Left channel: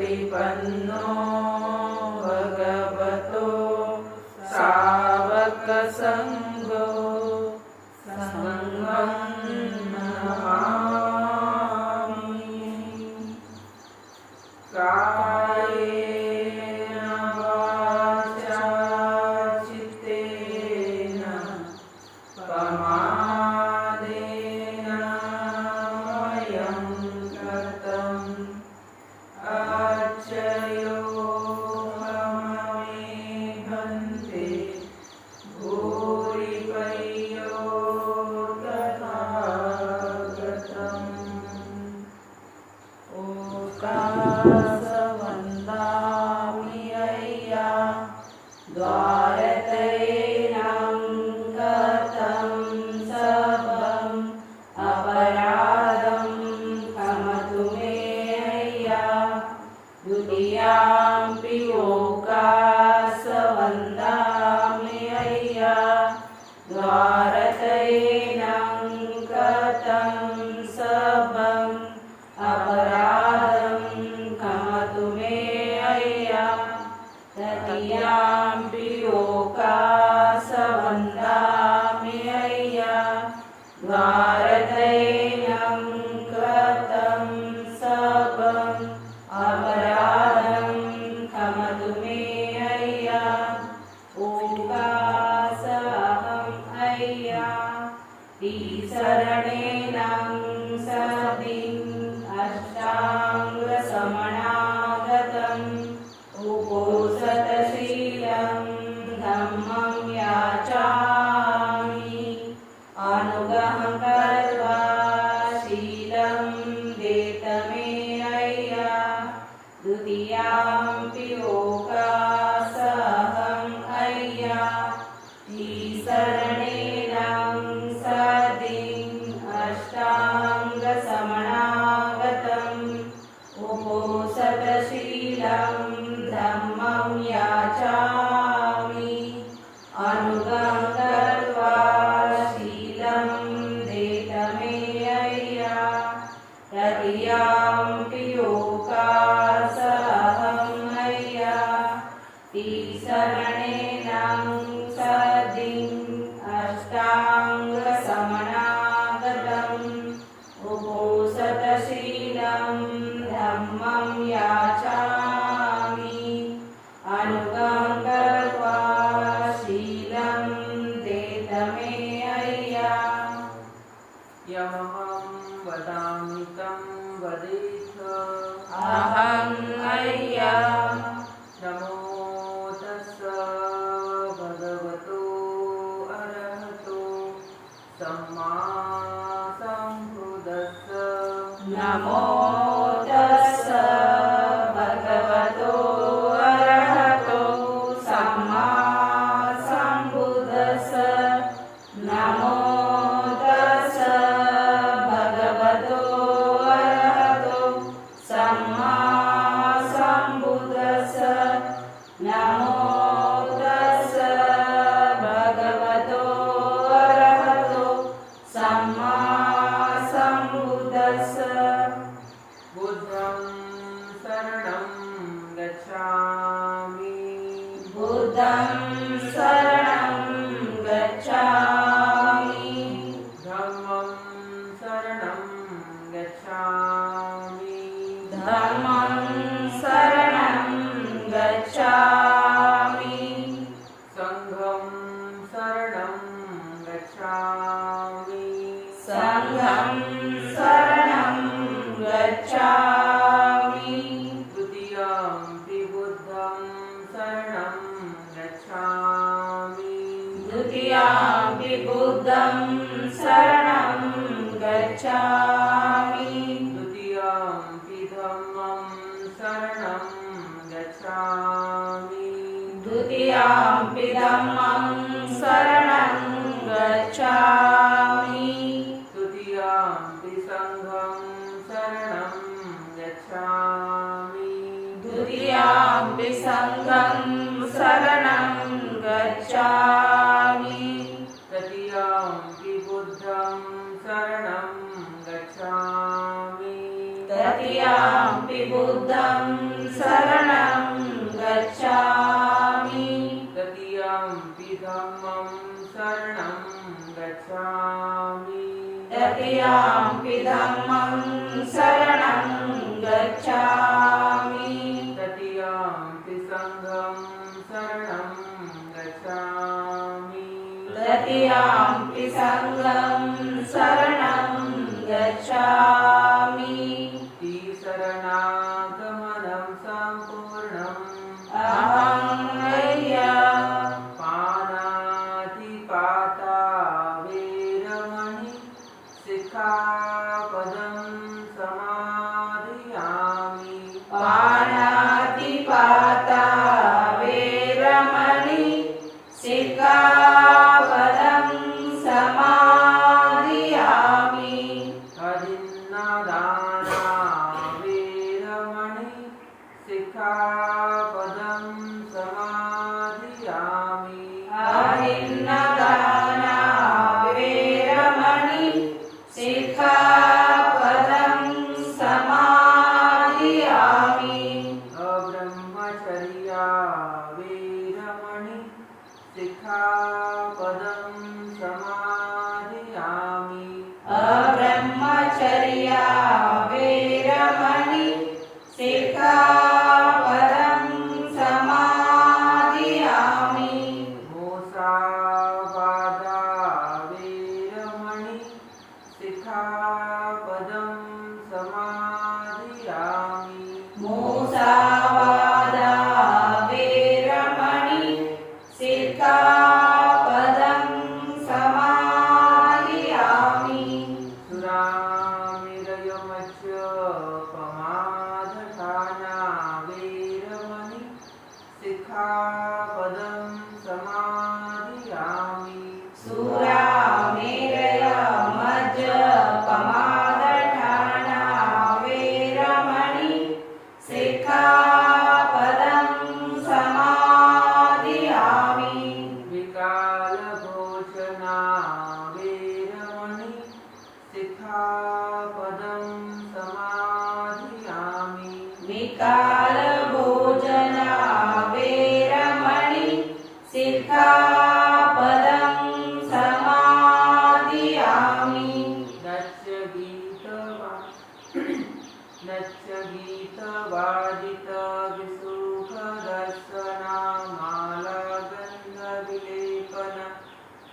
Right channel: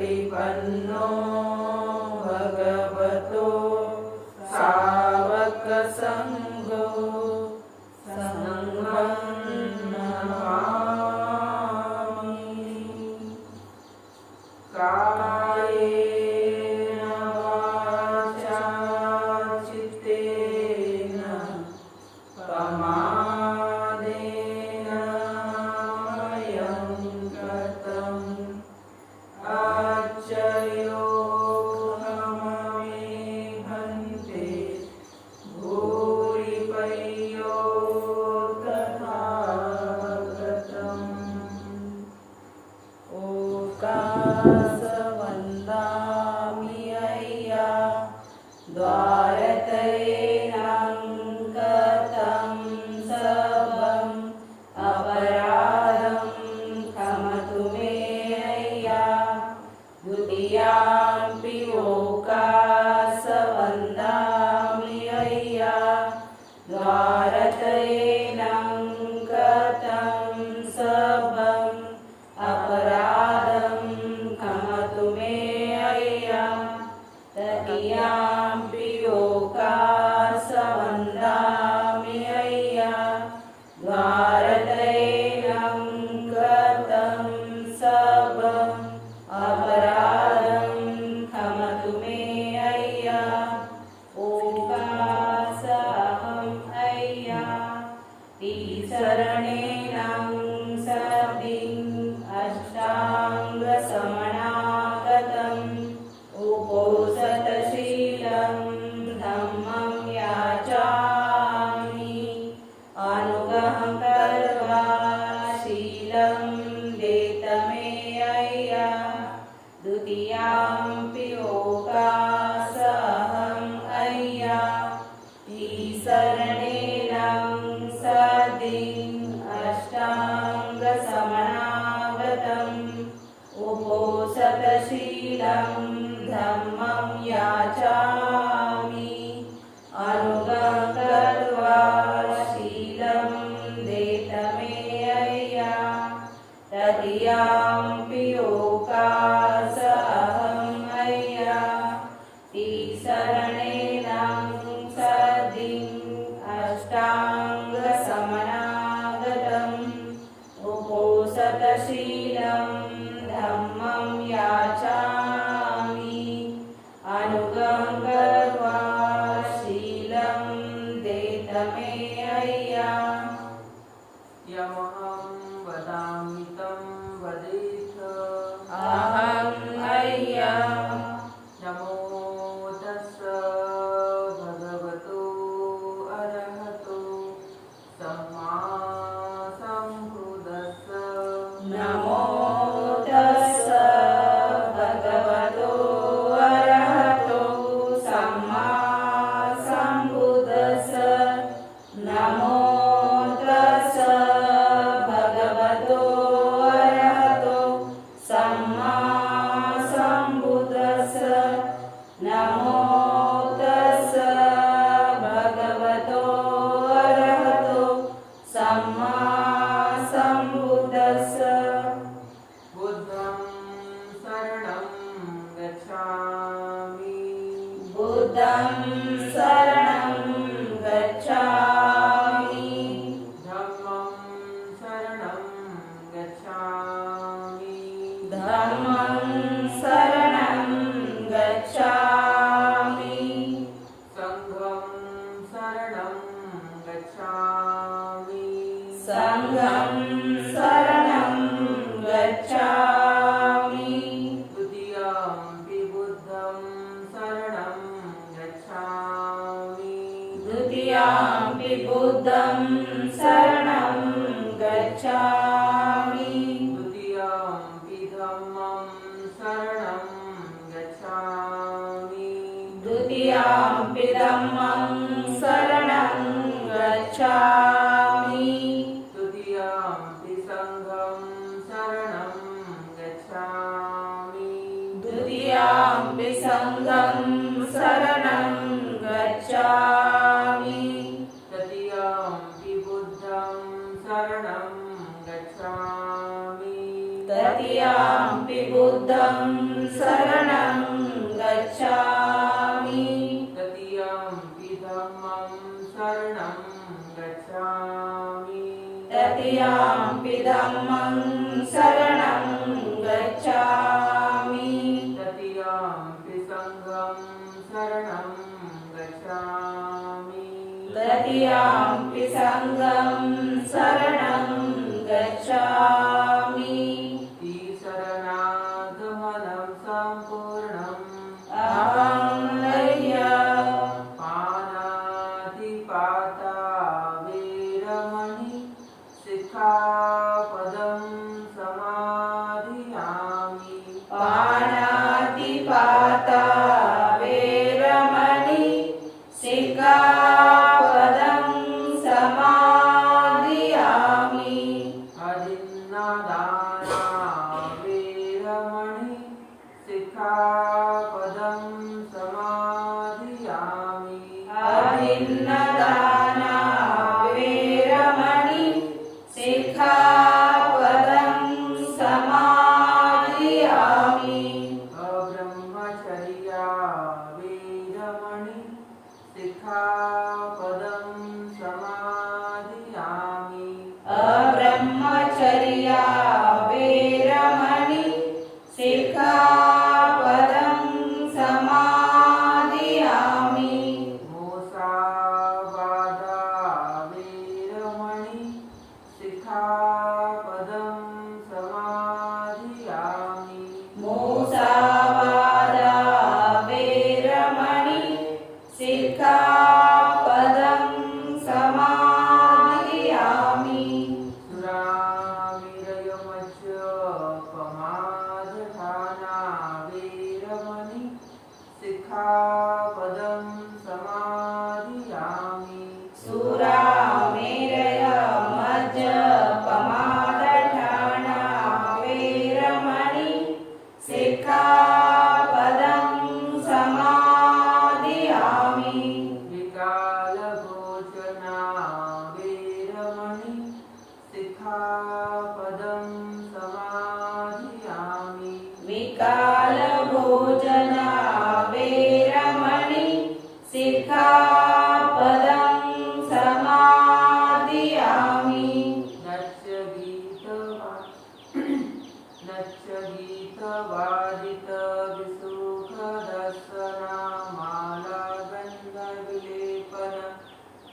प्रतिपन्नो भगवतो सावकसंघो संघं नमामि। कायेन वाचा चित्तेन प्रमादेन मह्यं कृतम् आच्चयो ममे भन्ते भूरिपय्यो तथागतम्। ओकाशवन्दामि अय्या द्वारतैनं गतं सर्वम् अपराधं क्षमतु मे अय्या। द्वितीयाम्पि ओकाशवन्दामि अय्या द्वारतैनं गतं सर्वम् अपराधं क्षमतु मे अय्या। तृतीयाम्पि ओकाशवन्दामि अय्या द्वारतैनं गतं सर्वम् अपराधं क्षमतु मे अय्या। ओकाशहम् अय्या शरणेनं सदिम् अष्टाङ्गसमनागतम् उपोषतशीलं धम्मं याचामि। अनुग्रहं कृत्वा शीलं देत मे अय्या। द्वितीयाम्पि ओकाशहम् अय्या शरणेनं सदिम् अष्टाङ्गसमनागतम् उपोषतशीलं धम्मं याचामि। अनुग्रहं कृत्वा शीलं देत मे अय्या। तृतीयाम्पि ओकाशहम् अय्या शरणेनं सदिम् अष्टाङ्गसमनागतम् उपोषतशीलं धम्मं याचामि। अनुग्रहं कृत्वा शीलं देत मे अय्या। यमहं वदामि तं वदेथ। अहं अय्या नमो तस्स भगवतो अरहतो सम्मा सम्बुद्धस्स। नमो तस्स भगवतो अरहतो सम्मा सम्बुद्धस्स। नमो तस्स भगवतो अरहतो सम्मा सम्बुद्धस्स। नमो तस्स भगवतो अरहतो सम्मा सम्बुद्धस्स। बुद्धं शरणं गच्छामि। बुद्धं शरणं गच्छामि। धम्मं शरणं गच्छामि। धम्मं शरणं गच्छामि। संघं शरणं गच्छामि। संघं शरणं गच्छामि। द्वितीयाम्पि बुद्धं शरणं गच्छामि। द्वितीयाम्पि बुद्धं शरणं गच्छामि। द्वितीयाम्पि धम्मं शरणं गच्छामि। द्वितीयाम्पि धम्मं शरणं गच्छामि। द्वितीयाम्पि संघं शरणं गच्छामि। द्वितीयाम्पि संघं शरणं गच्छामि। तृतीयाम्पि बुद्धं शरणं गच्छामि। तृतीयाम्पि बुद्धं शरणं गच्छामि तृतीयम्पि धम्मं शरणं गच्छामि तृतीयाम्पि धम्मं शरणं गच्छामि तृतीयम्पि संघं शरणं गच्छामि तृतीयाम्पि संघं शरणं गच्छामि शरणागमनं सम्पूर्णम् अहं मह्य पानातिपाता वीरमणि सिक्खापदं समादयामि पानातिपाता वेरमणि सिक्खापदं समादयामि अदिन्नदाना वीरमणि सिक्खापदं समादयामि अभिन्नदाना वेरमणि सिक्खापदं समादयामि अब्रह्मचर्या वीरमणि सिक्खापदं समादयामि अब्रह्मचर्या वेरमणि सिक्खापदं समादयामि मुसावादा वीरमणि सिक्खापदं समादयामि मुसावादा वेरमणि सिक्खापदं समादयामि सुरामिरयमच्यपमादठाना वीरमणि सिक्खापदं समादयामि सुरामेरय मज्जपमादठाना वेरमणि सिक्खापदं समादयामि विकालभोजना वीरमणि सिक्खापदं समादयामि विकालभोजना वेरमणि सिक्खापदं समादयामि नच्यगीतवादितविसुखदर्शनामालागन्धविलेपन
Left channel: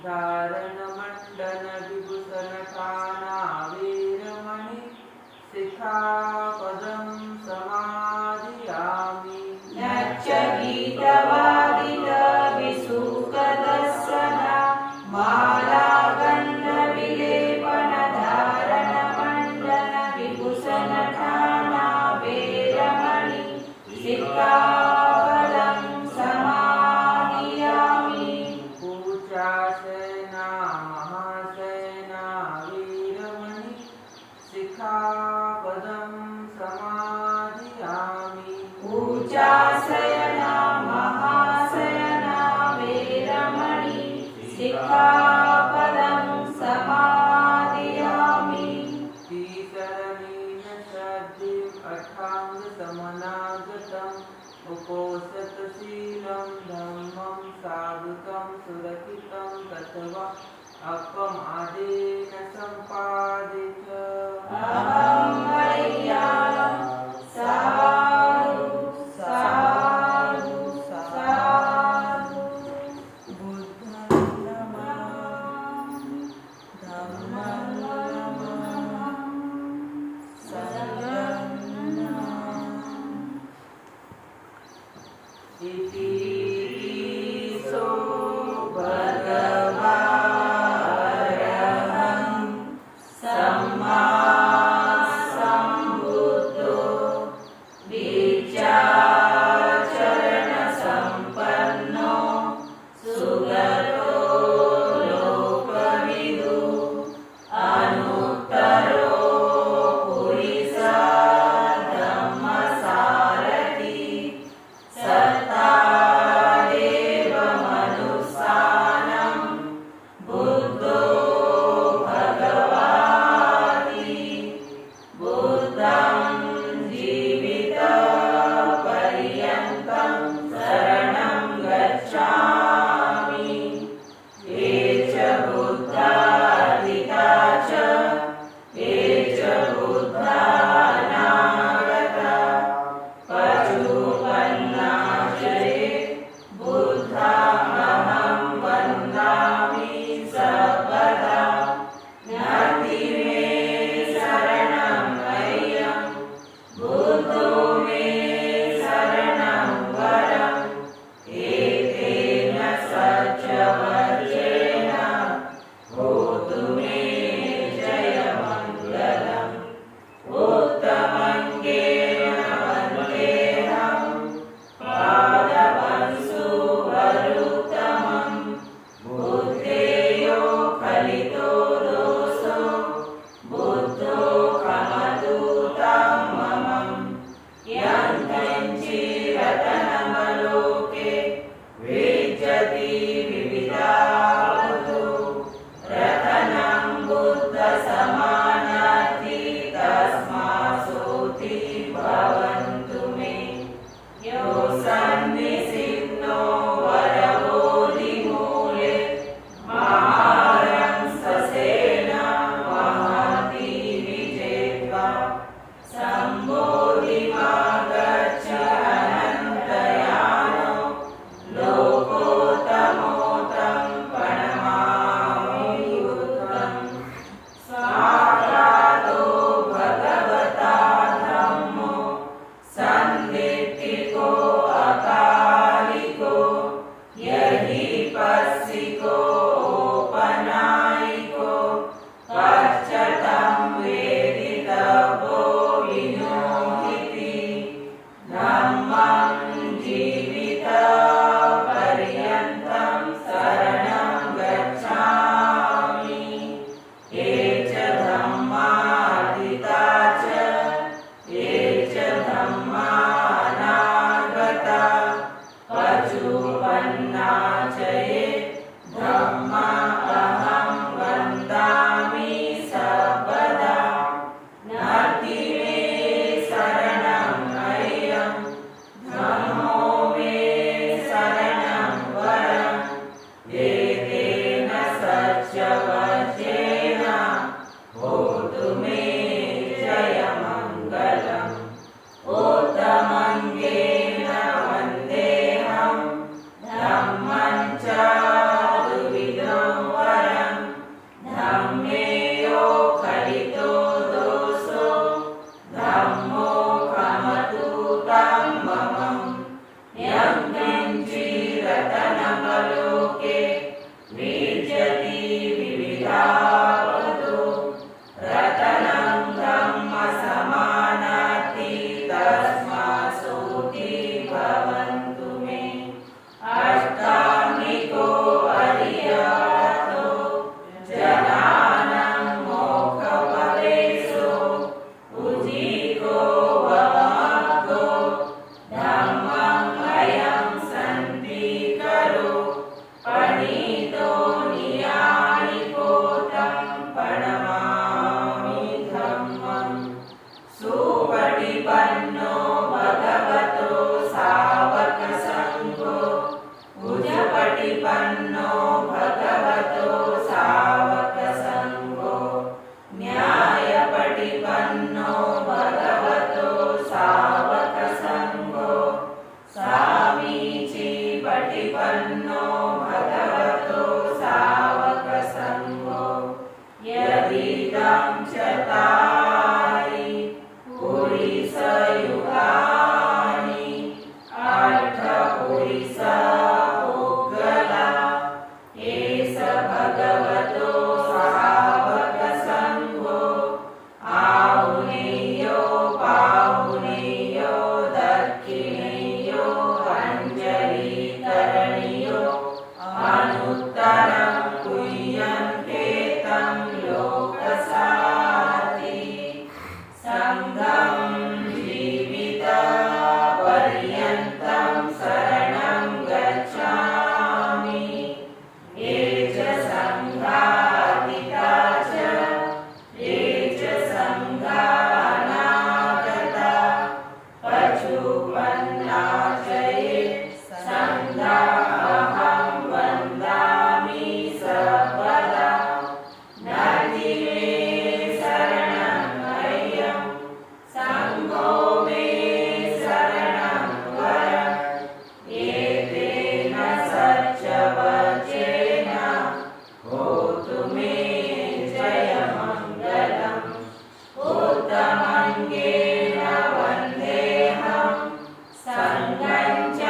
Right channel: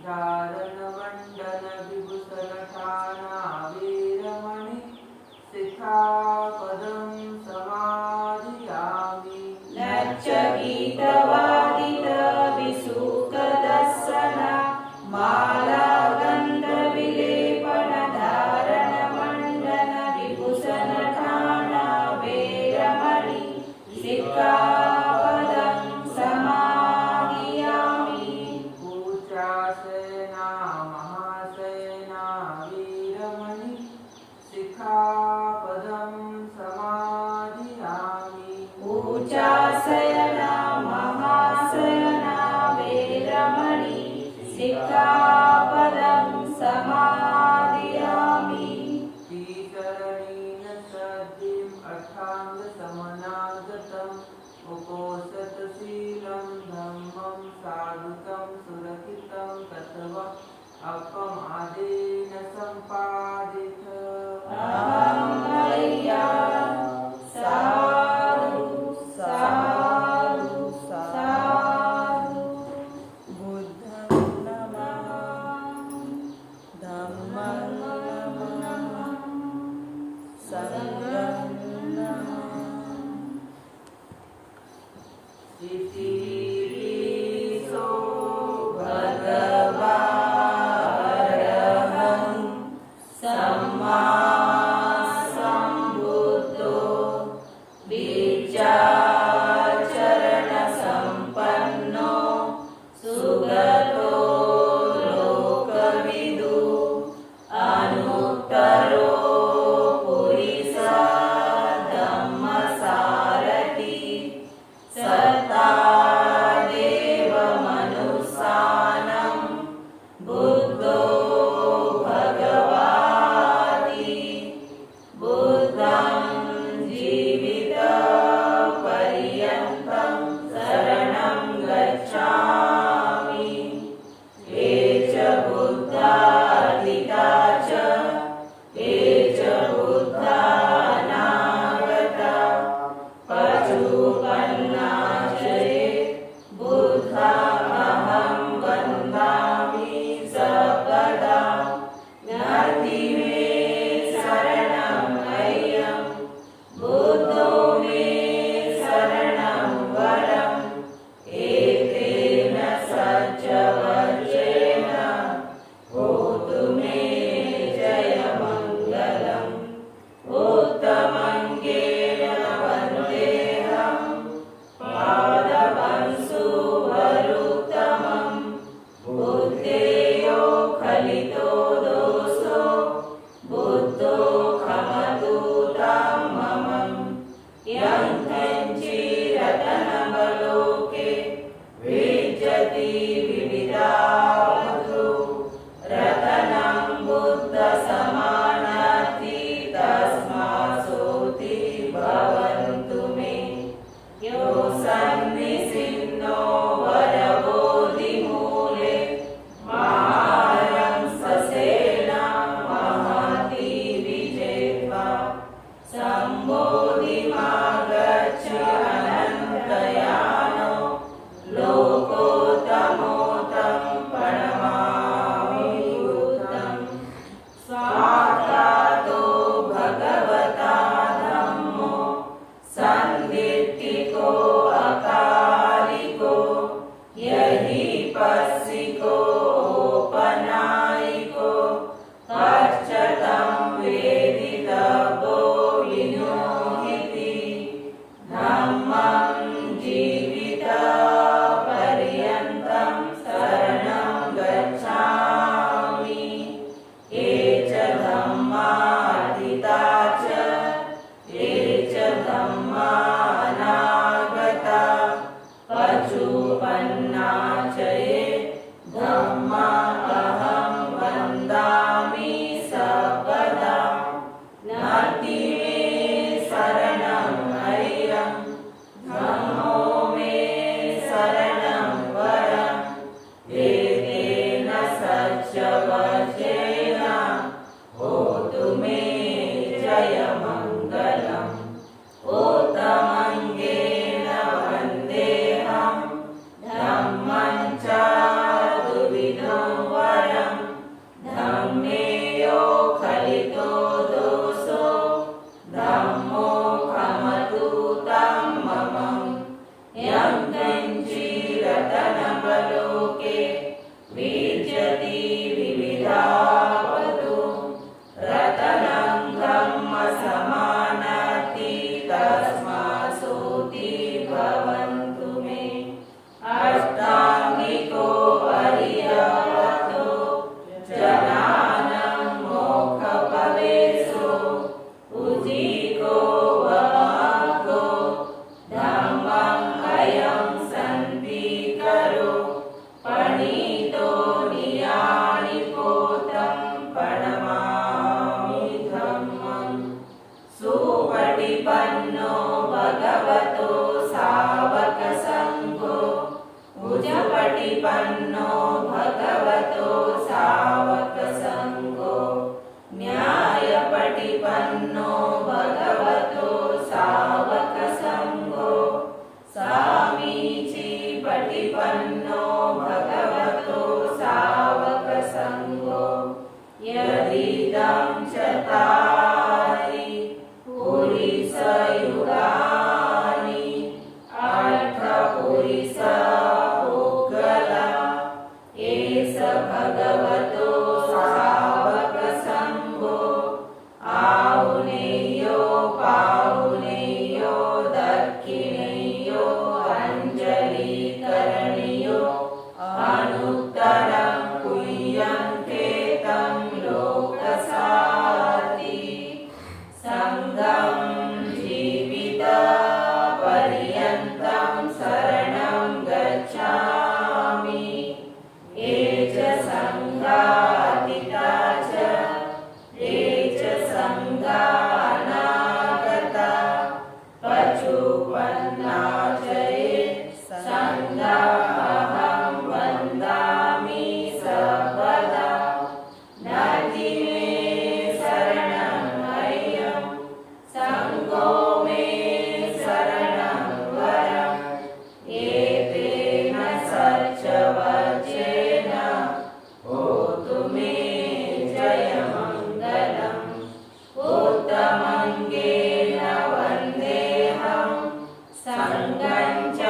धारणमण्डनविभूषणठाना वीरमणि सिक्खापदं समादयामि नच्चगीतवादितविसुखदर्शना मालागन्धविलेपन धारणमण्डनविभूषणठाना वेरमणि सिक्खापदं समादयामि पूजासेना महासेना वीरमणि सिक्खापदं समादयामि पूजासयना महासयना वेरमणि सिक्खापदं समादयामि श्रीचरणेन सद्यम् अष्टाङ्गसमनागतम् उपोषतशीलं धम्मं साधुकं सुरक्षितं तत्त्वा अपमादेन सम्पादित अहं मह्या साधु साधु साधु बुद्धं नमः धम्मं नमः संघं नमः इति सो भगवारहं सम्मा इदं चतानि पुरिसयुगानि अर्थपुरिस पुद्गला एष भगवतो सावकसङ्घो आहुनेयो पाहुनेयो दक्षिणेयो अञ्जलिकरणीयो अनुत्तरं कुह्यन्ते तं लोकसाति सङ्घं जीवितपर्यन्तं शरणं गच्छामि ये च सङ्घातिता च ये च सङ्घानागता पशुपन्ना च ये सङ्घाहं वन्दामि सर्वदा नाति मे शरणं मह्यं सङ्घो मे शरणं वरम् एतेन सच्चवचेन होतु मे जयमङ्गलम् उत्तमङ्गेन वन्देऽहं सङ्घं च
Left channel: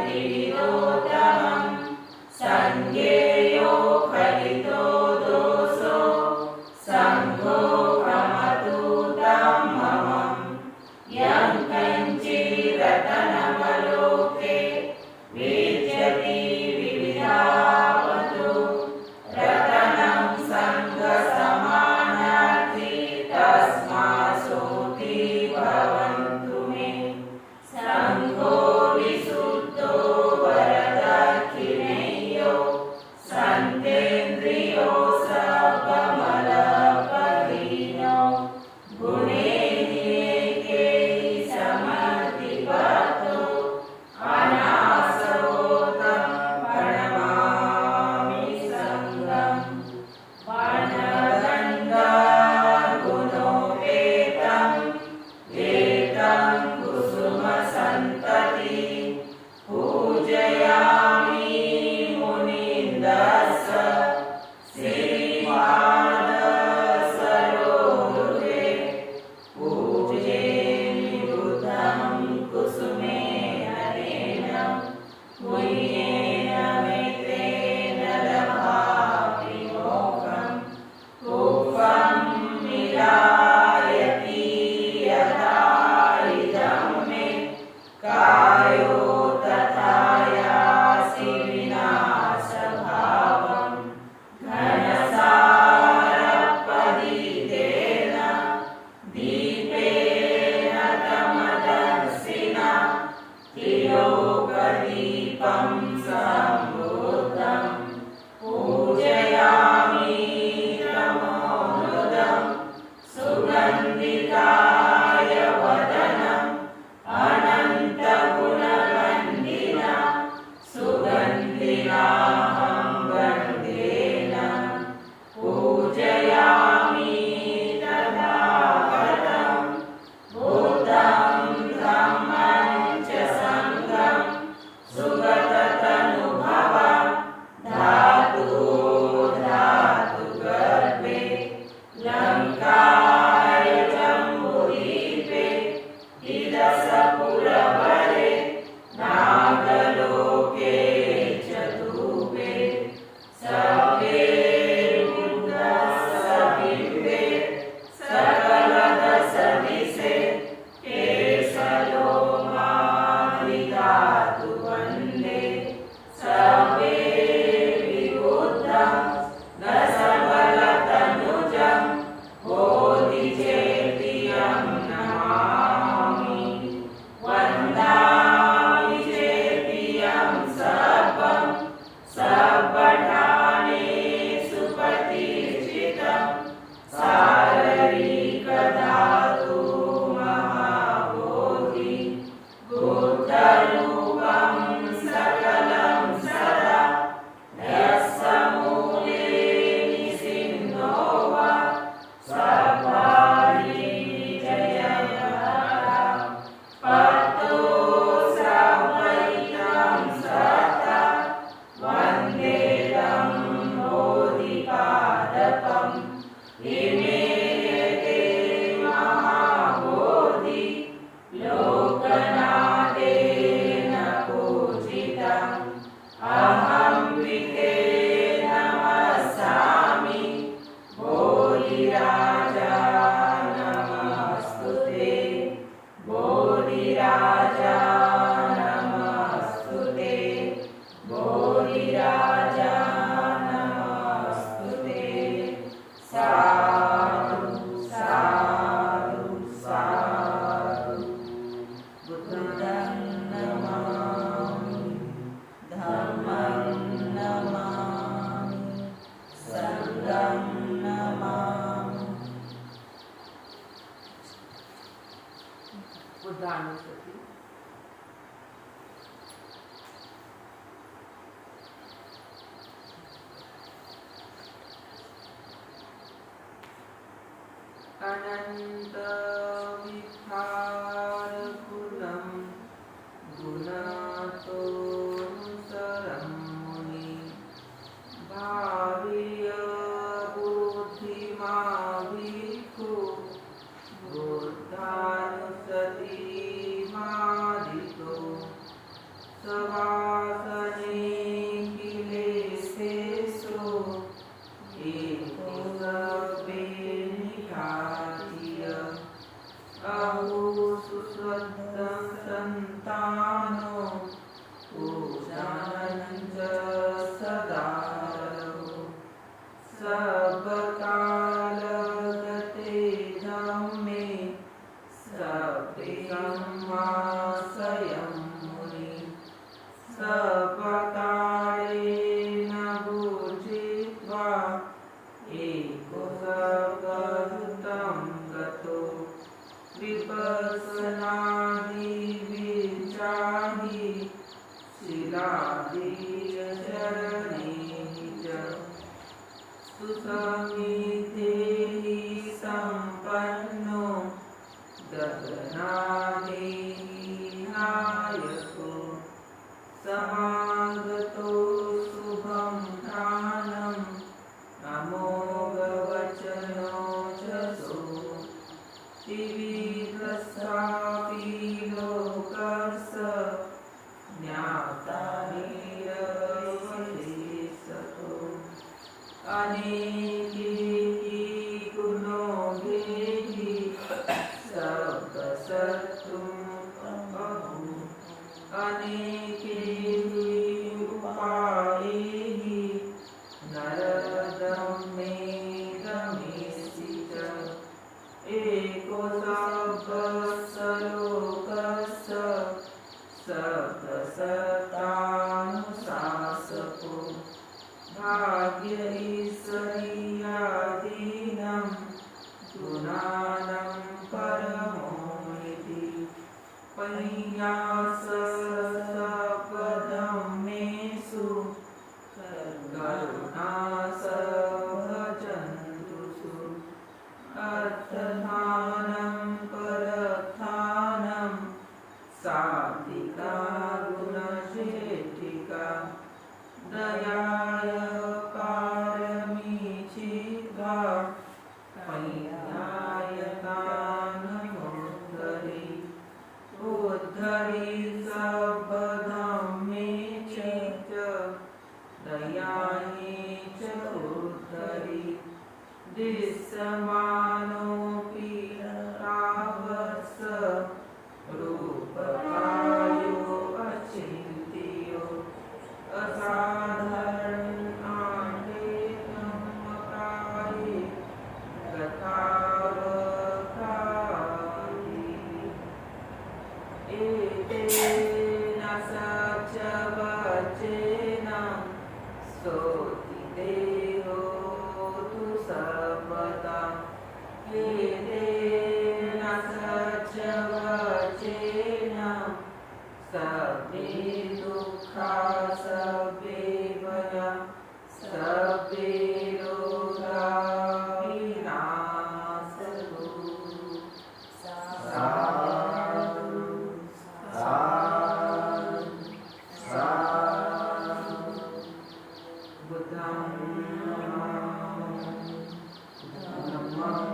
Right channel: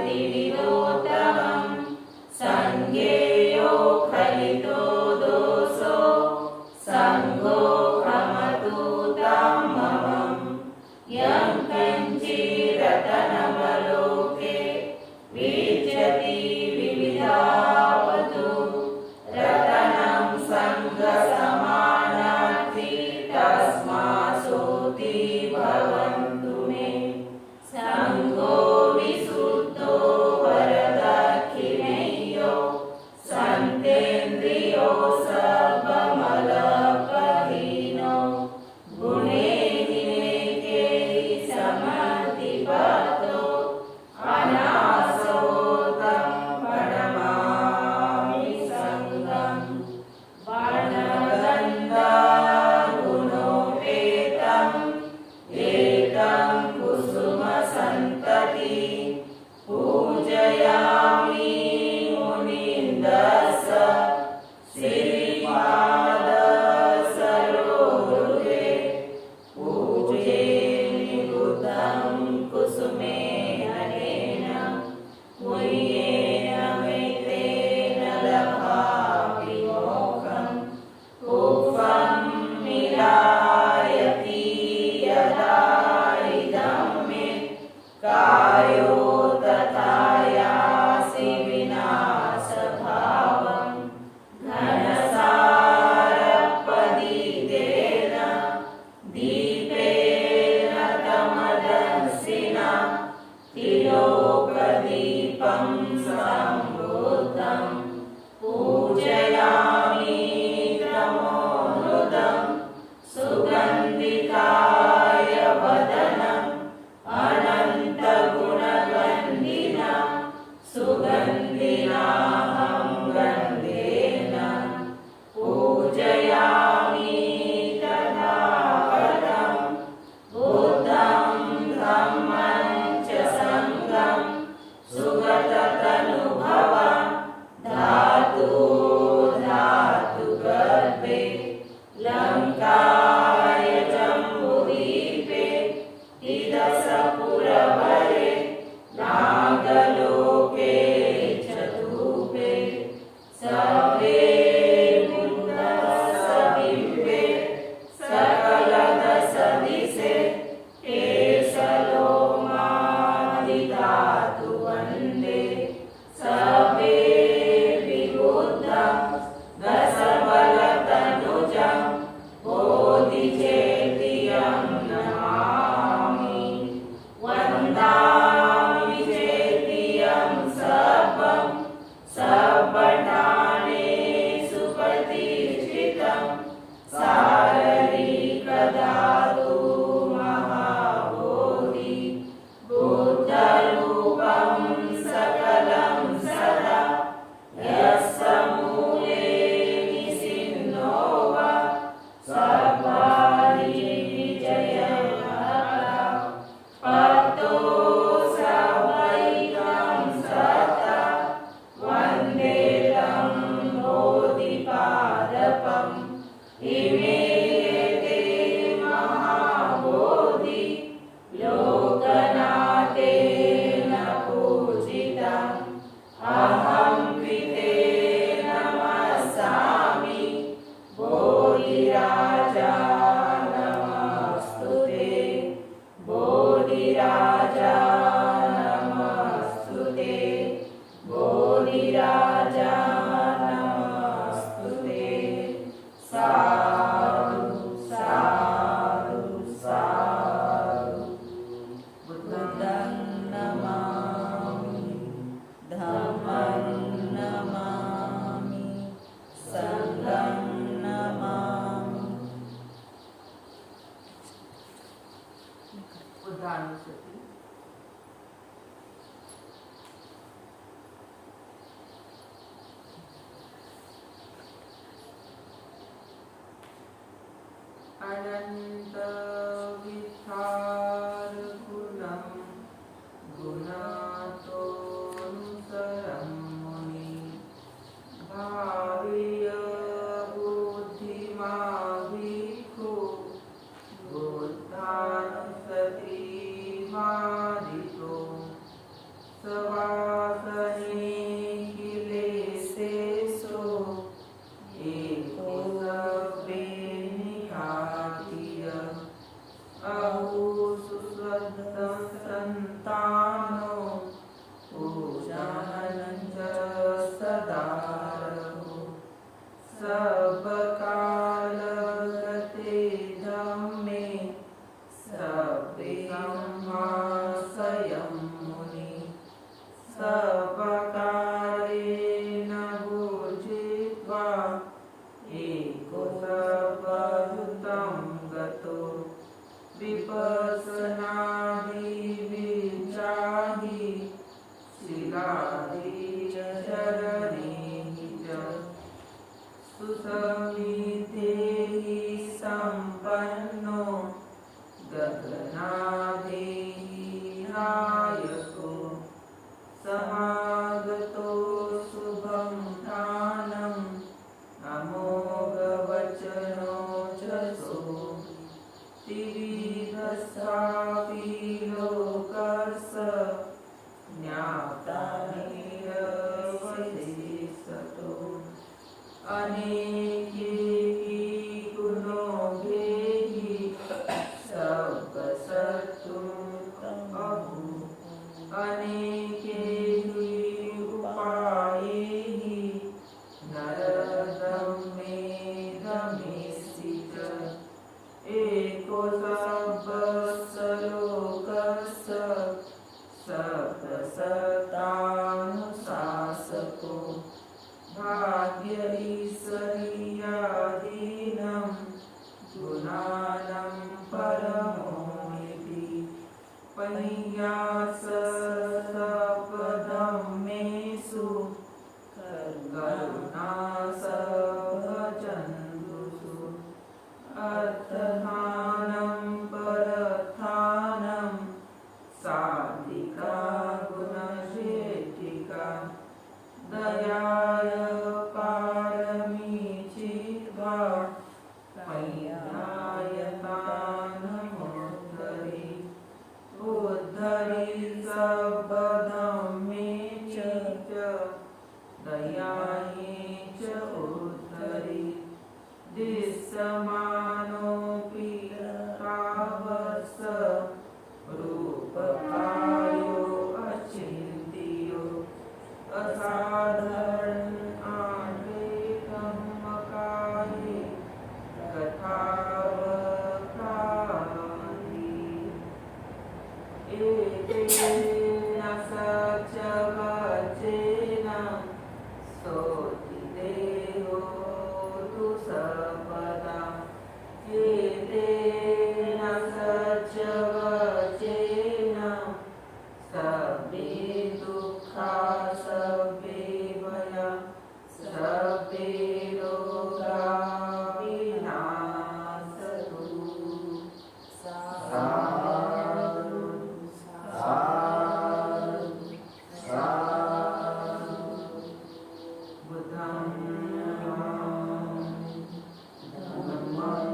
त्रिविधोत्तमं सङ्घेयो खलितो दोषो सङ्घो भ्रमतु तं ममं यं कञ्चिरतनमलोके विद्यति विविधावतु रतनं सङ्घसमानार्थी तस्मासोऽपि भवन्तु मे सङ्घो विशुद्धो वरदक्षिणेयो सन्तेन्द्रियो सर्वमलपहीनो गुणैर्येके समर्थितो अनासोऽहं प्रणमामि सङ्घम् वर्णगन्धगुणोपेतं एतं कुसुमसन्तति पूजयामि मुनीन्द्रस्य श्रीपादसरोरुहे पूजे निरुद्धं कुसुमेन तेन पुण्येन मेतेन लभामि मोक्षं पुष्पं निरायति यदा इदं मे कायो तथा यासि विनाशभावं घनसारपदितेन दीपेन तमदर्शिना त्रिलोकदीपं सम्बुद्धं पूजयामि तमोनुदं सुगन्धिकाय वदनम् अनन्तगुणगन्धिना सुगन्धिनाहं गन्धेन पूजयामि तथागतं बुद्धं धम्मं च सङ्घं सुगततनुभवं धातुगर्भे लङ्काय जम्बुद्वीपे तिरसपुरवरे नागलोके चतुर्भे सर्वे बुद्धसबिम्बे सकलदशदिशे ते सलोमादिधातु वन्दे सर्वे विबुद्धं दशबलतनुजं बोधिचेतियं नमामि वन्दामि चेतियं सर्वं सर्वठानेषु प्रतिष्ठितं साररिकधातु महाबोधि बुद्धरूपं सकलं सदा यस्य मूले निसिन्नो वा सर्वाणि विजयः पतो सावैतं सता वन्दे तं बोधिपादपं बोधिराजा नमस्तुते बोधिराजा नमस्तुते बोधिराजा नमस्तुते साधु साधु साधु बुद्धं नमामि धम्मं नमामि संघं नमामि बुद्धानुस्मृति अनंत विहार गुणं गुणतोऽनुसरं मुनि भार्य बुद्धिमा भिक्खु बुद्धानुसति मादितो सवासने किलेशेषु एको सब्बे निघातीय अहो सुश्रद्धं सन्तानो पूजनं च सदारहो सर्वकालगते धम्मे सब्बे संवासयं मुनि सर्वकालेन भुजित्वा एको सर्वभूतं गतो विपश्यनादिविचाहि शिलादिचरणैः च सुसंविधेः सम्पन्नो गगनादेः नायको समागतो शुभं ध्यानम् अमोघवचनो जसो त्रिविधस्यापि लोकस्य ज्ञाता निरवधिष्यतो अनेकैः गुणैः सर्वशत्रुमुपहु अनेकैः उपायैः नरदमे दमेसि च एको सर्वस्य लोकस्य सर्वसत्तानुशासको भाग्य ईश्वरीयाधीनं गुणानं परमोनिति पय्यासर्वधम्मेषु करुणा सर्वजन्तुषु अर्थधानं परधानं सात्विका गुणशेखिका दयाय पारमी चिद्धा पय्यायतानमुद्धरि उद्धरि सर्वधम्मे च दयाये च उद्धरि दिश्यमानोऽपि तावत्स रूपकायो अचिन्त्यो असाधारणादेकमकाये तथावकारि एतेन सत्यवचेन स्तोतिदेहो तु सर्वदा एतेन सत्यवचेन सब्बे दुःखा सब्बे भया सब्बे रोगा विनाशतु साधु साधु साधु बुद्धं धम्मं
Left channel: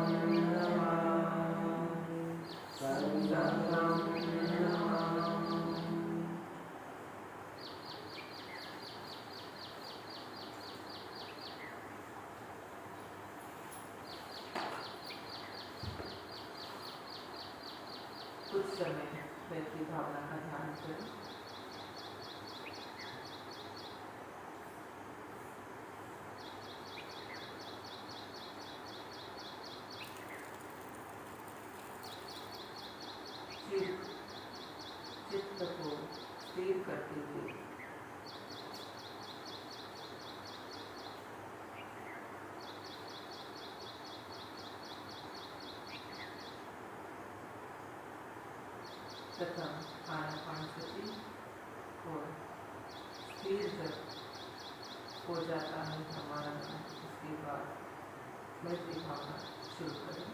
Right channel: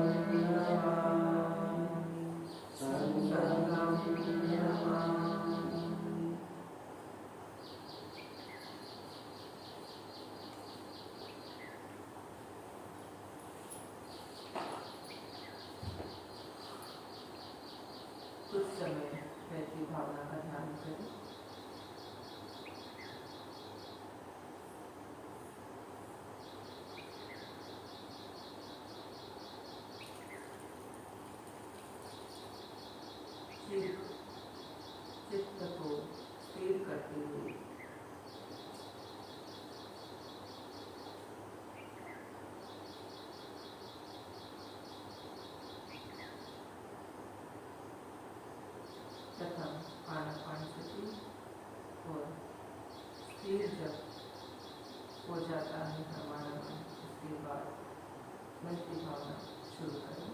समय वैसी भावना का ध्यान करें। चित्त को स्थिर करते हुए तथा आनापानसति और स्थिर जब हो जाता है हमारा मन, उसके बाद मैत्री भावना शुरू करें।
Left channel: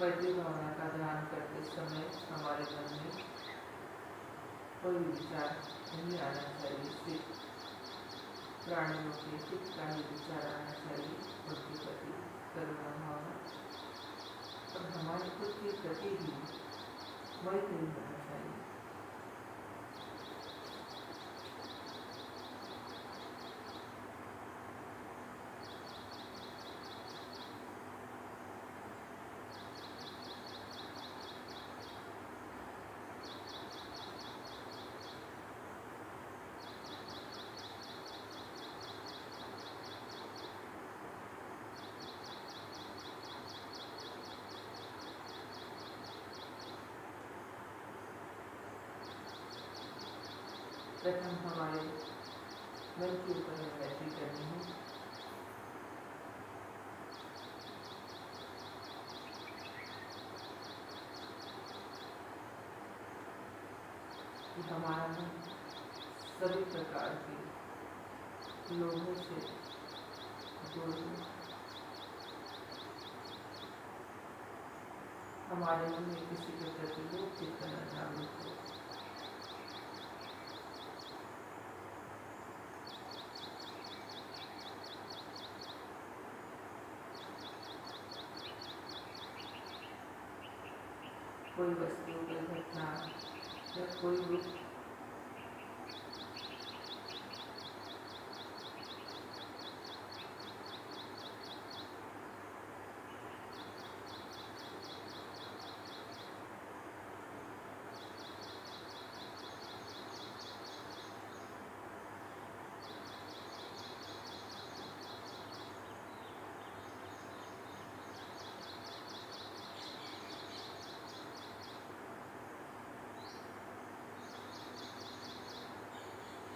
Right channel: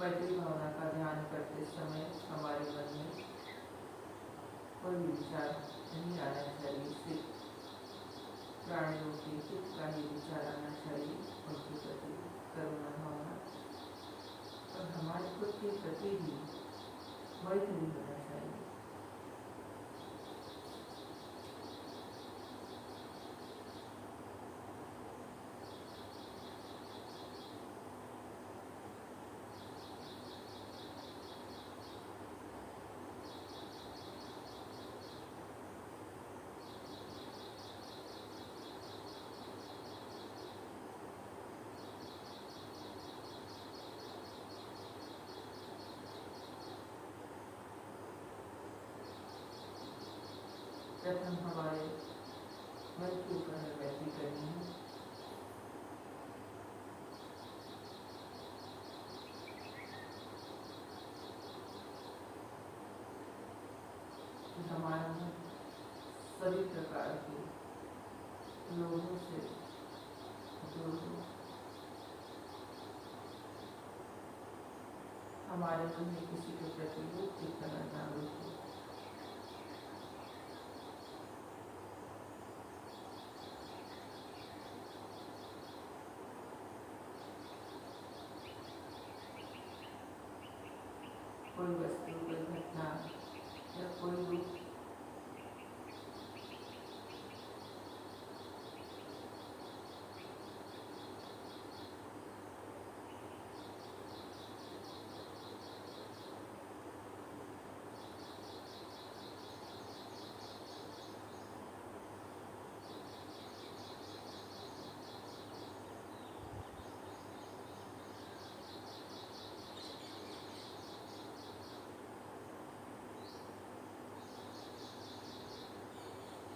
मैत्री भावना का ध्यान करते समय हमारे मन में कोई विचार नहीं आना चाहिए, सिर्फ प्राणियों के हित का ही विचार आना चाहिए, उनके प्रति करुणा भावना और हमारे खुद के प्रति भी मैत्री होना चाहिए। प्रथम हमारे मन के ऊपर मैत्री करनी है। कि हमारा मन सभी प्रकार के लोगों से दूर हो। हमारे मन में किसी के प्रति लोभ की तरह जागरूक हो। कोई वस्तु, कोई घटना या कोई रूप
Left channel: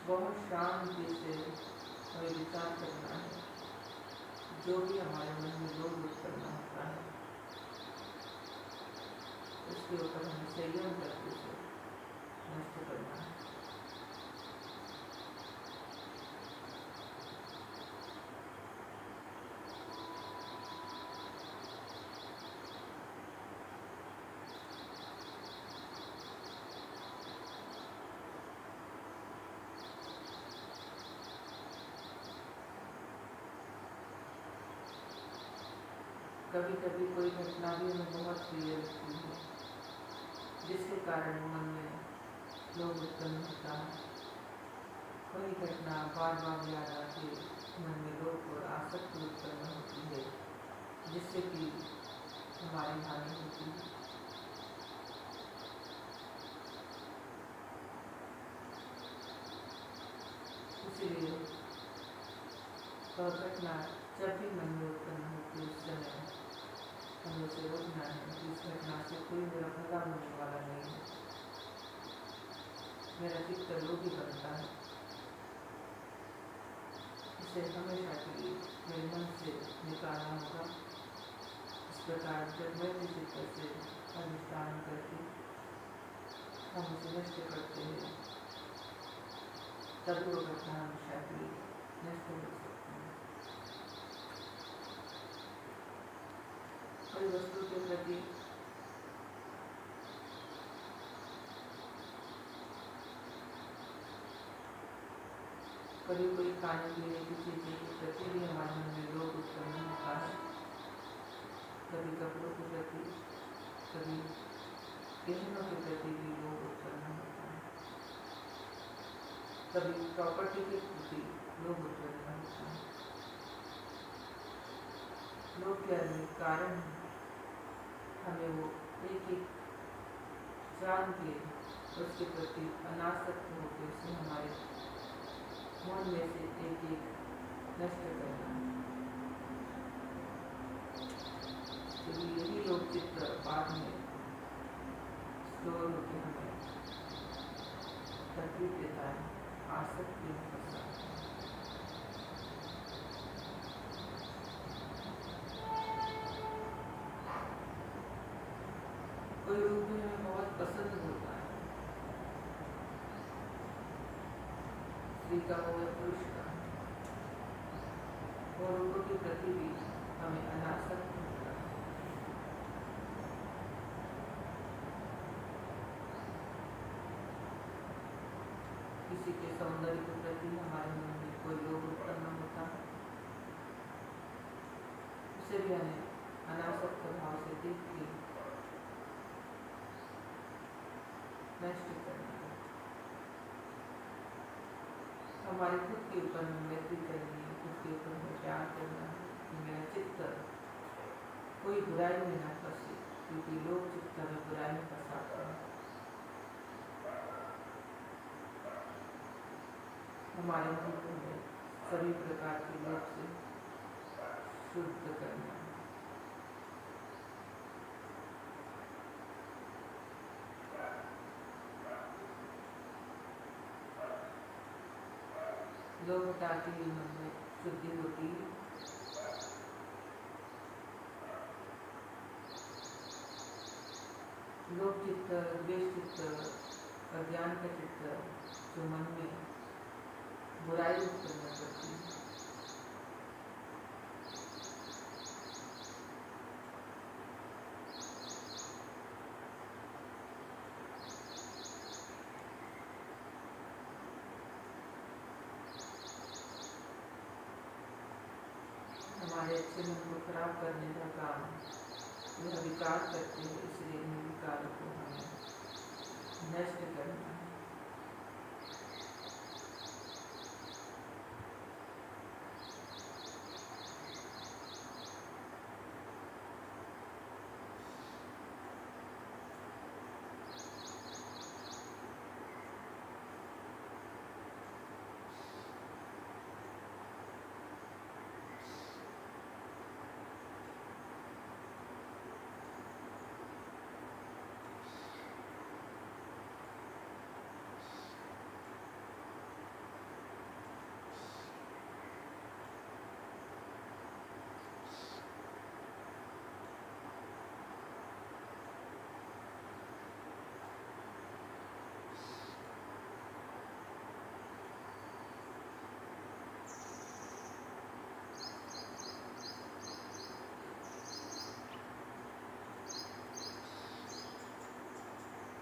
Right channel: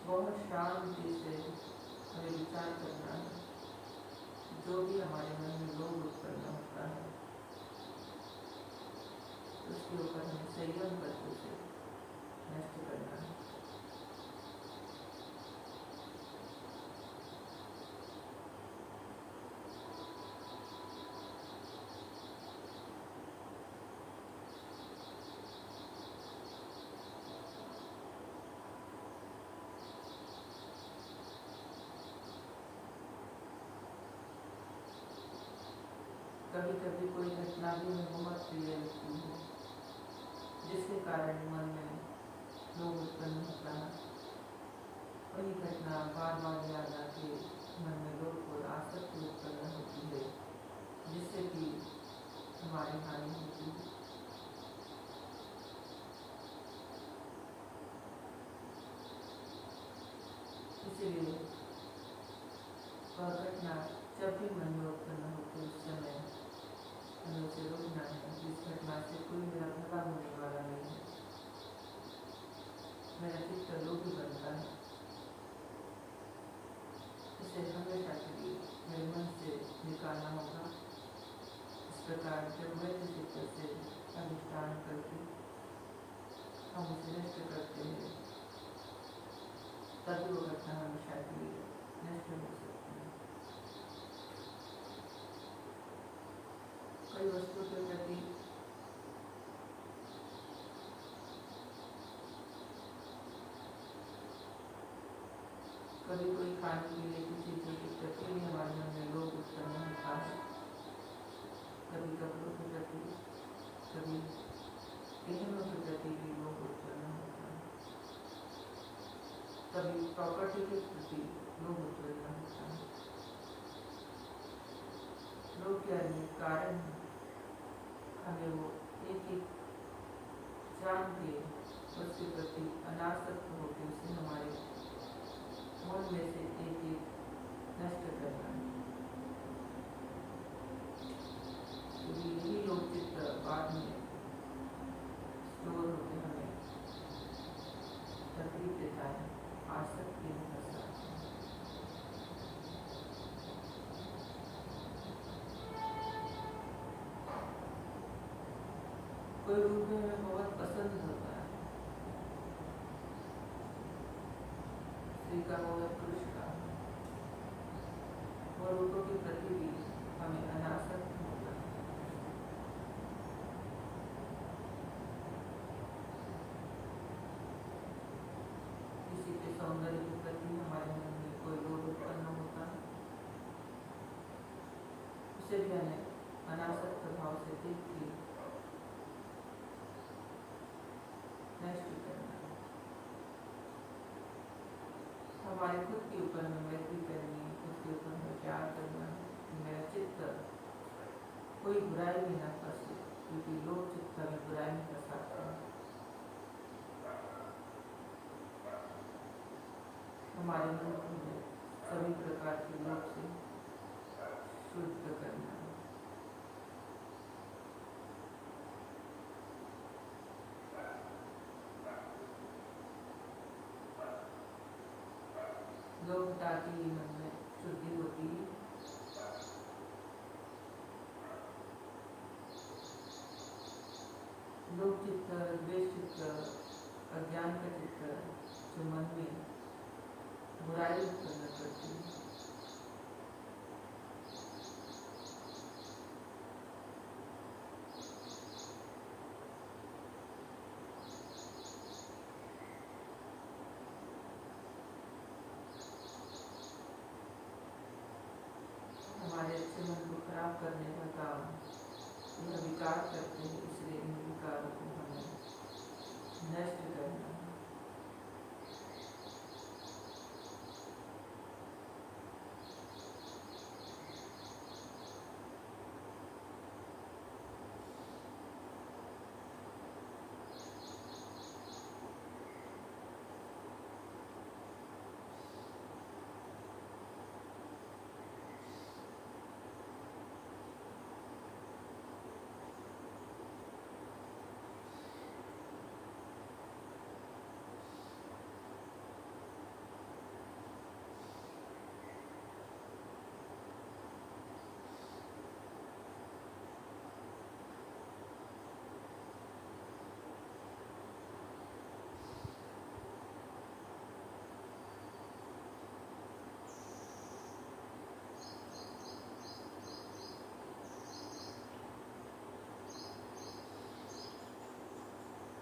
बहुत शांति से हमें विचार करना है। जो भी हमारे मन में लोभ उत्पन्न होता है उसके ऊपर हमें संयम करके उसे नष्ट करना है। कभी कभी कोई घटना भी हमें बहुत प्रिय लगती है, जिसके कारण मन में लोभ उत्पन्न होता है। वही घटना बार बार याद आके मन में लोभ और आसक्ति उत्पन्न होती है, जिससे कि हमारी हानि होती है। इसलिए वह घटना जब भी मन में उत्पन्न होती है उस समय हमें उसे रोकना है। इस घटना से कोई मेरा भला होने वाला नहीं है, मेरा चित्त लोभी बनता है। इसे हमेशा के लिए मेरे मन से निकालना होगा। इस प्रकार जब मैं चित्त से अधिष्ठान करके हम उसे नष्ट करते हैं, तभी वो घटना हमेशा के लिए नष्ट हो सकती है। कोई वस्तु के प्रति कभी कोई खाने पीने की चीज़ों के प्रति भी हमारे मन में लोभ उत्पन्न होता है। कभी कपड़ों के प्रति, कभी गहनों के प्रति भी लोभ उत्पन्न होता है। कभी प्रॉपर्टी के प्रति लोभ उत्पन्न होता है। लोभ के अनेक कारण हमें वो एक एक जान के उसके प्रति अनासक्त होकर उसे हमारे मन में से एक एक नष्ट करना है। तो यही लोग चित्र बाद में स्टोर होकर हमें तकलीफ देता है, आसक्ति में फंसाता है। कोई रूप हमें बहुत पसंद होता है, स्त्री का हो या पुरुष का, और रूपों के प्रति भी हमें अनासक्त होता है। किसी के सौंदर्य के प्रति हमारे मन में कोई लोभ उत्पन्न होता है, उसे भी हमें अनासक्त भाव से देख के नष्ट करना है। हमारे खुद के ऊपर में मैत्री करनी है, खुद के ऊपर में प्यार करना है कि मेरा चित्त कोई बुराई में ना फंसे, क्योंकि लोग चित्त में बुराई में फंसाते हैं। हमारे मन को हमें सभी प्रकार के लोभ से शुद्ध करना है। लोभ हटाते ही मन में शुद्धि होती है। लोभ चित्त, द्वेष चित्त, अज्ञान का चित्त जो मन में बुराई उत्पन्न करती है, हमारे अच्छे मन को खराब करने का काम यह विकार करते हैं। इसलिए इन विकारों को हमें नष्ट करना है।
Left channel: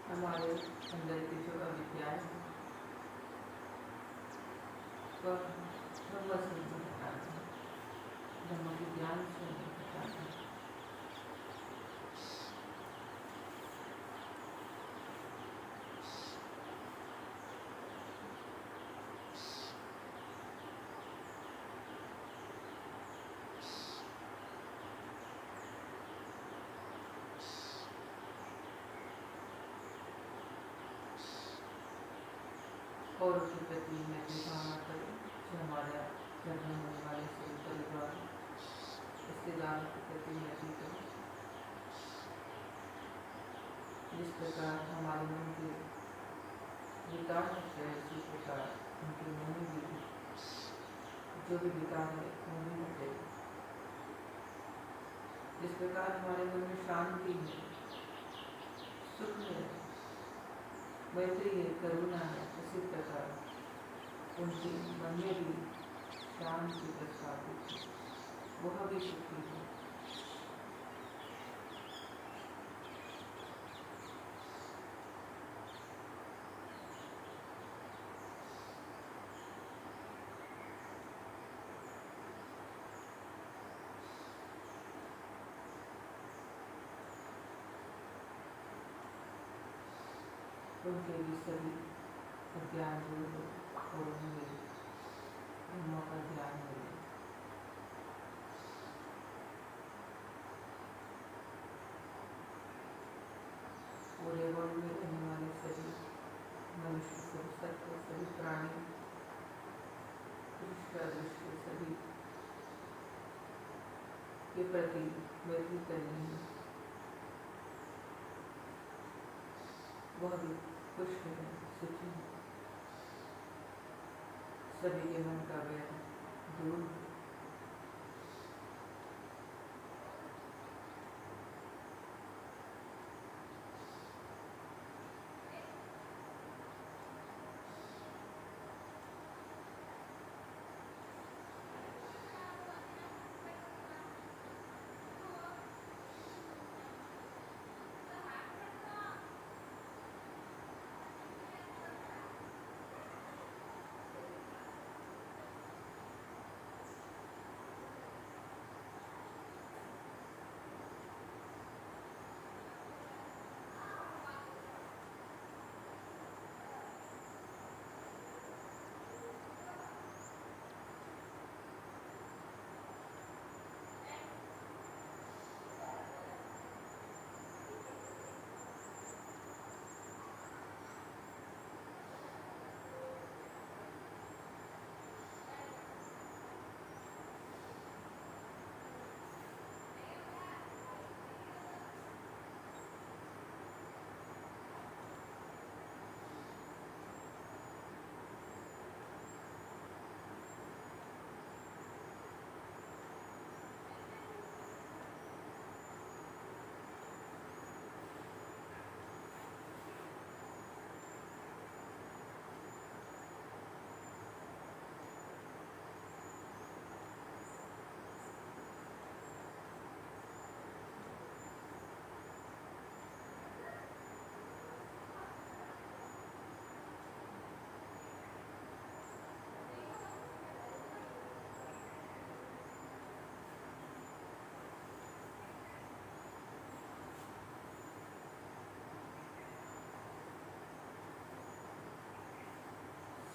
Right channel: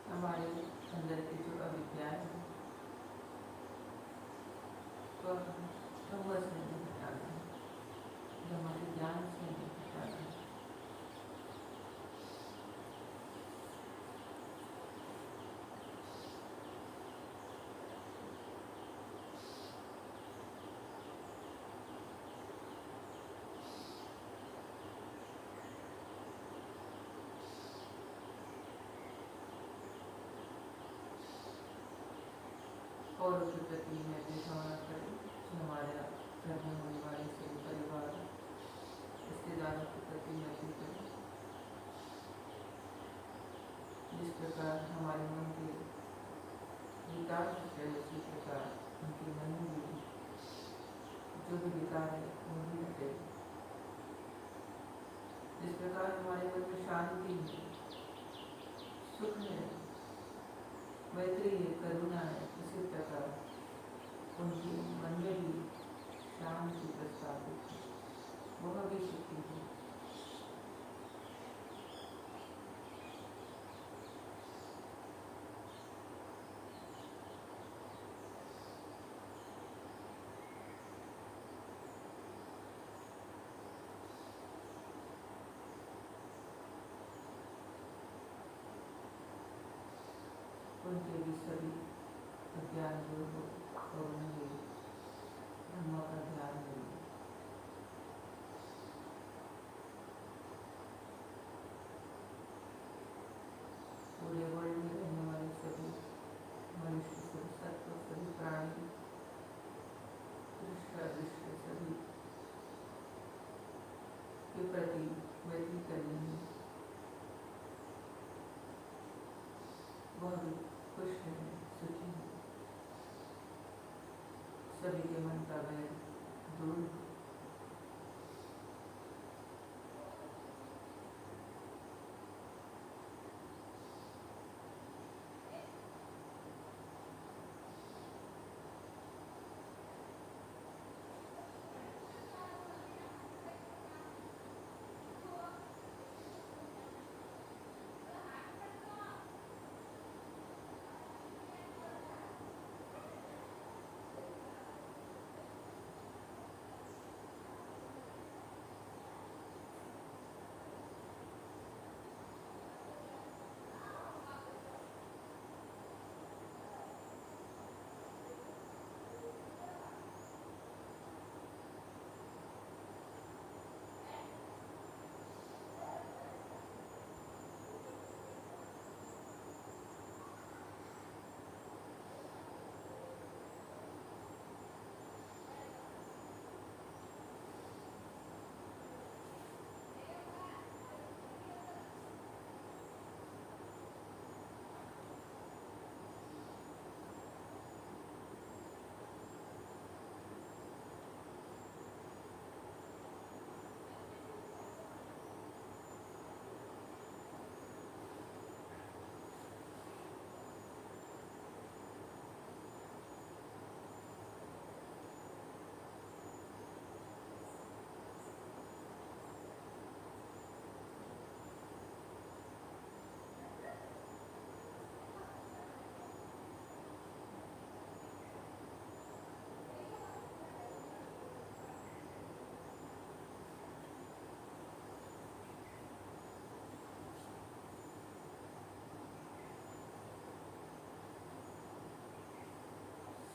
हमारे अंदर की जो अविद्या है वह समझ नहीं हटाना है, हमारे ज्ञान से नहीं हटाना है। और उसके प्रति मैत्री भावना करें, जो हमारा घर में होने वाले सभी परिवार रिश्तेदारों के प्रति मैत्री करें। जिस प्रकार हमारे मन के विकार होते हैं, उसी प्रकार उनके मन में भी जो भी विकार है वो भी होते। जिस प्रकार हमारे मन में शांति है, सुख है, मैत्री है, करुणा है, उसी प्रकार उनके मन में भी शांति प्रस्थापित है, वह भी सुखी है। उनके भी सभी अज्ञान दूर हो, खोलेंगे, ब्रह्म का ध्यान करेंगे। पूरे वर्ल्ड में रहने वाले सभी मनुष्य, सभी सत्व, सभी प्राणी, दृश्य अदृश्य सभी के प्रति मैत्री करेंगे। वह भी खुश है, सुखी है, सभी के मन का वैर दूर हो।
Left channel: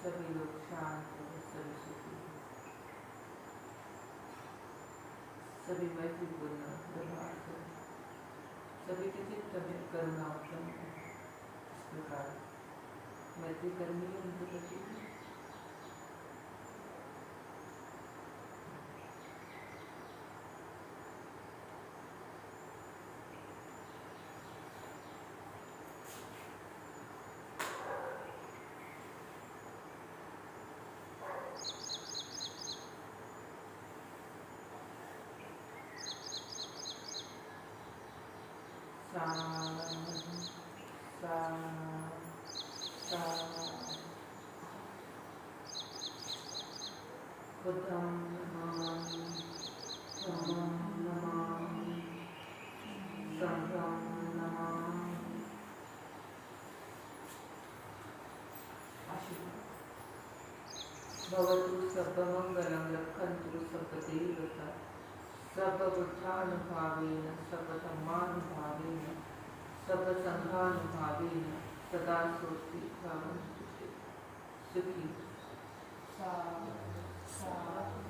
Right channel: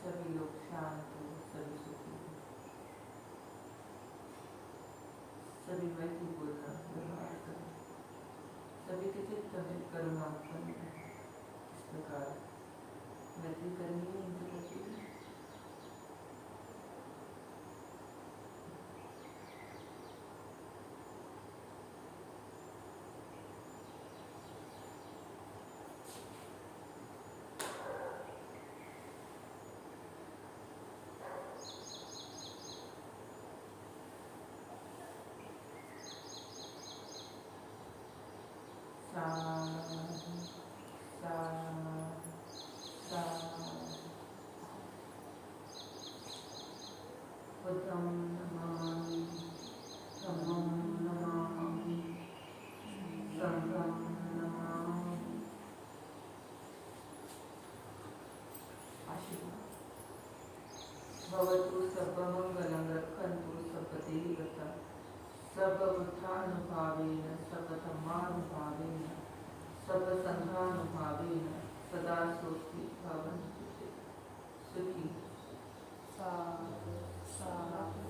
सभी लोग शांत हो, सभी सुखी हो, सभी मैत्रीपूर्ण व्यवहार करें, सभी के चित्त में करुणा उत्पन्न हो। इस प्रकार मैत्री करनी है उनके प्रति। बुद्धं नमामि, धम्मं नमामि, संघं नमामि। आशीर्वाद। भवतु सर्वमंगलं, रक्षन्तु सर्वदेवता, सर्वबुद्धानुभावेन, सर्वधर्मानुभावेन, सर्वसंघानुभावेन सदा सोऽस्ति भवन्तु ते। सुखी साधु साधु।